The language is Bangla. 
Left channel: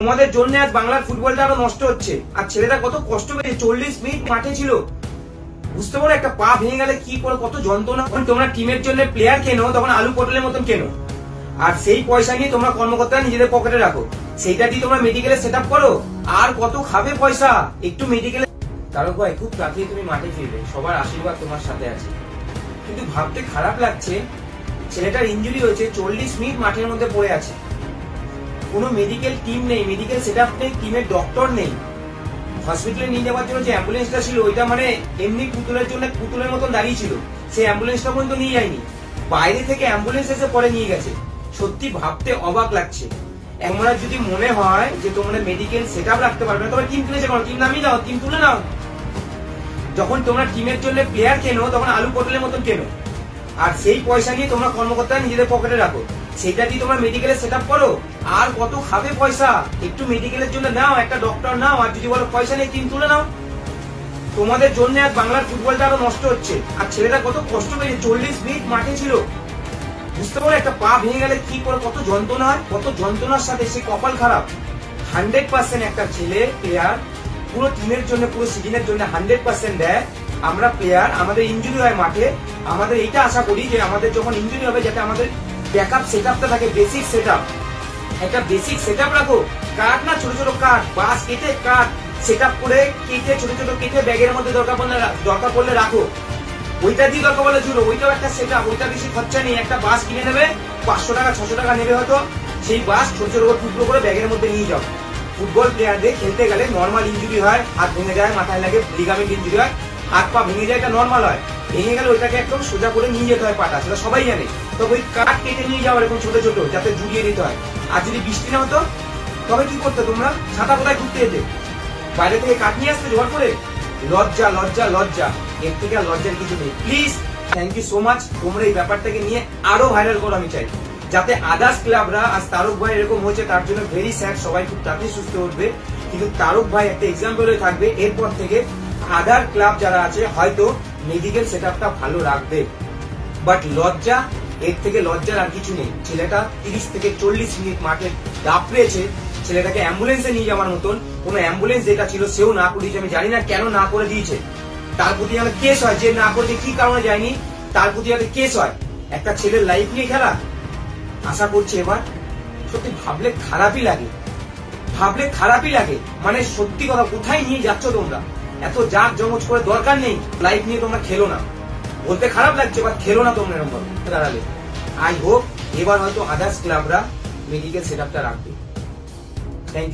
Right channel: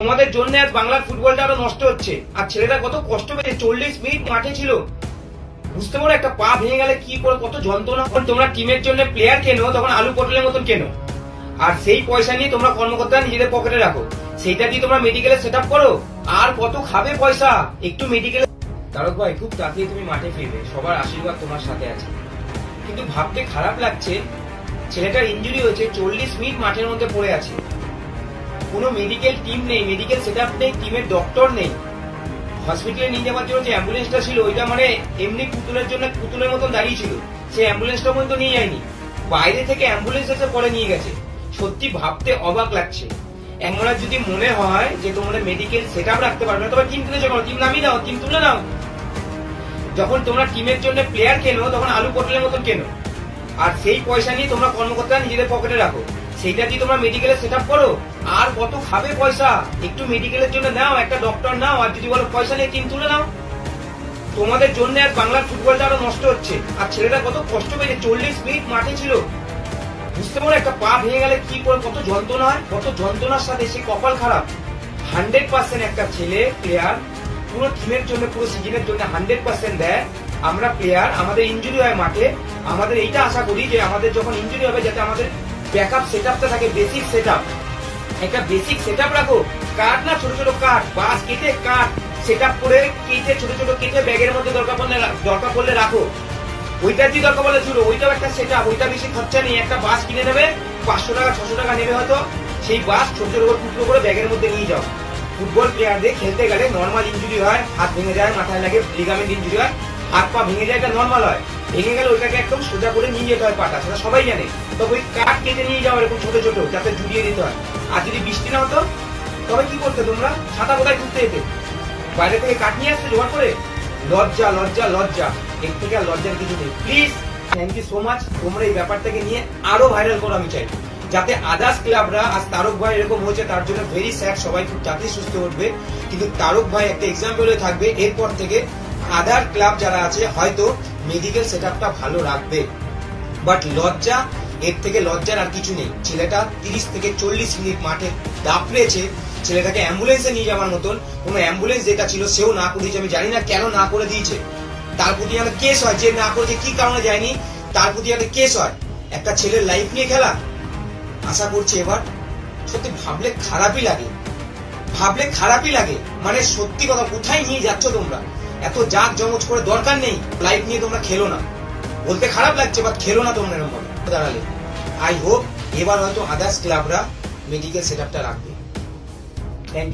তোমাদের জন্য আজ বাংলার ফুটবলটা আরো নষ্ট হচ্ছে। আর ছেলেটা কত কষ্ট পেয়েছে, 40 মিনিট মাঠে ছিল। বুঝতে পারো একটা পা ভেঙে গেলে কি করে কত যন্ত্রণা। তোমরা টিমের জন্য প্লেয়ার কেনো, তখন আলু পটলের মতন কেনো, আর সেই পয়সা নিয়ে তোমরা কর্মকর্তা নিজেদের পকেটে রাখো। সেইটা দিয়ে তোমরা মেডিকেলে সেট আপ করো। আর কত খাবে পয়সা একটু মেডিকেলে। তারক ভাই, খুব তাড়াতাড়ি তুমি মাঠে ফিরবে, সবার আশীর্বাদ তোমার সাথে আছে। কিন্তু ভাবতে খারাপ লাগছে, ছেলেটার ইনজুরি হয়েছে, 40 মিনিট মাঠের মধ্যে পড়ে আছে। কোনো মেডিকেল টিম নেই, মেডিকেল সেট আপ নেই, টিমের ডক্টর নেই। হসপিটালে নিয়ে যাওয়ার জন্য যে অ্যাম্বুলেন্সটা ছিল, ওইটা মানে এমনি পুতুলের জন্য পুতুলের মতন দাঁড়িয়ে ছিল। সেই অ্যাম্বুলেন্সটা পর্যন্ত নিয়ে যায়নি, বাইরে থেকে অ্যাম্বুলেন্স এসে পরে নিয়ে গেছে। সত্যি ভাবতে অবাক লাগছে। এমন যদি মনে হয় যে তোমরা মেডিকেল সেট আপ রাখতে পারবে না, তোমরা টিম কিনেছে কেন? টিম নামিয়ে দাও, টিম তুলে নাও। যখন তোমরা টিমের জন্য প্লেয়ার কেনো, তখন আলু পটলের মতন কেনো, আর সেই পয়সা নিয়ে তোমরা কর্মকর্তা নিজেদের পকেটে রাখো। সেইটা দিয়ে তোমরা মেডিকেলে সেট আপ করো। আর কত খাবে পয়সা একটু মেডিকেলের জন্য নাও, একটা ডক্টর নাও, আর যদি বলো পয়সা নিয়ে টিম তুলে নাও। তোমাদের জন্য আজ বাংলার ফুটবলটা আরো নষ্ট হচ্ছে। আর ছেলেটা কত কষ্ট পেয়েছে, 40 মিনিট মাঠে ছিল। বুঝতে পারো একটা পা ভেঙে গেলে কি করে কত যন্ত্রণা, কত যন্ত্রণার সাথে সে কপাল খারাপ। 100% একটা ছেলে প্লেয়ার পুরো টিমের জন্য, পুরো সিজনের জন্য 100% দেয়। আমরা প্লেয়ার, আমাদের ইনজুরি হয় মাঠে, আমাদের এইটা আশা করি যে আমাদের যখন ইনজুরি হবে যাতে আমাদের ব্যাকআপ সেটআপটা থাকে, বেসিক সেটআপ। একটা বেসিক সেটআপ রাখো। কাঠ না, ছোট ছোট কাঠ, বাঁশ কেটে কাঠ সেটআপ করে কেটে ছোট ছোট কেটে ব্যাগের মধ্যে দরকার পড়লে রাখো। ওইটা দিয়ে দরকার বলে জুড়ো, ওইটাও একটা সেটআপ। ওইটা বেশি খরচা নেই, একটা বাঁশ কিনে নেবে, 500 টাকা 600 টাকা নেবে হয়তো। সেই বাঁশ ছোট ছোট করে টুকরো করে ব্যাগের মধ্যে নিয়ে যাও। ফুটবল প্লেয়ারদের খেলতে গেলে নর্মাল ইনজুরি হয়, হাত ভেঙে যায়, মাথায় লাগে, লিগামেন্ট ইনজুরি হয়, হাত পা ভেঙে যায়, এটা নর্মাল হয়। ভেঙে গেলে ওইটাকে একদম সোজা করে নিয়ে যেতে হয় পাটা, সেটা সবাই জানে। তো ওই কাঠ কেটে নিয়ে যাও এরকম ছোট ছোট, যাতে জুড়িয়ে দিতে হয়। আর যদি বৃষ্টি না হতো তবে কি করতে তোমরা? ছাতা কোথায় ঘুরতে যেতে? বাইরে থেকে কাঠ নিয়ে আসতে জোগাড় করে? লজ্জা লজ্জা লজ্জা, এর থেকে আর লজ্জার কিছু নেই। Please, thank you so much. তোমরা এই ব্যাপারটাকে নিয়ে আরো ভাইরাল করো, আমি চাই যাতে আদার্স ক্লাবরা। আজ তারক ভাই এরকম হয়েছে, তার জন্য ভেরি স্যাড, সবাই খুব তাড়াতাড়ি সুস্থ উঠবে। কিন্তু তারক ভাই একটা এক্সাম্পল হয়ে থাকবে, এরপর থেকে আদার ক্লাব যারা আছে হয়তো মেডিকেল সেটআপটা ভালো রাখবে। বাট লজ্জা, এর থেকে লজ্জার আর কিছু নেই। ছেলেটা 30 থেকে 40 মিনিট মাঠে দাপড়েছে। ছেলেটাকে অ্যাম্বুলেন্সে নিয়ে যাওয়ার মতন কোন অ্যাম্বুলেন্স যেটা ছিল সেও না করে দিয়েছে। আমি জানি না কেন না করে দিয়েছে। তার প্রতি যেন কেস হয়, যে না করেছে কি কারণে যায়নি, তার প্রতি যাতে কেস হয়। একটা ছেলের লাইফ নিয়ে খেলা, আশা করছি এবার। সত্যি ভাবলে খারাপই লাগে, ভাবলে খারাপই লাগে। মানে সত্যি কথা, কোথায় নিয়ে যাচ্ছ তোমরা? এত জাক জমজ করে দরকার নেই। লাইফ নিয়ে তোমরা খেলো না, বলতে খারাপ লাগছে, বাট খেলো না তোমরা এরকম দাঁড়ালে। আই হোপ এবার হয়তো আদার্স ক্লাবরা মেডিকেল সেটআপটা রাখবে। Thank you.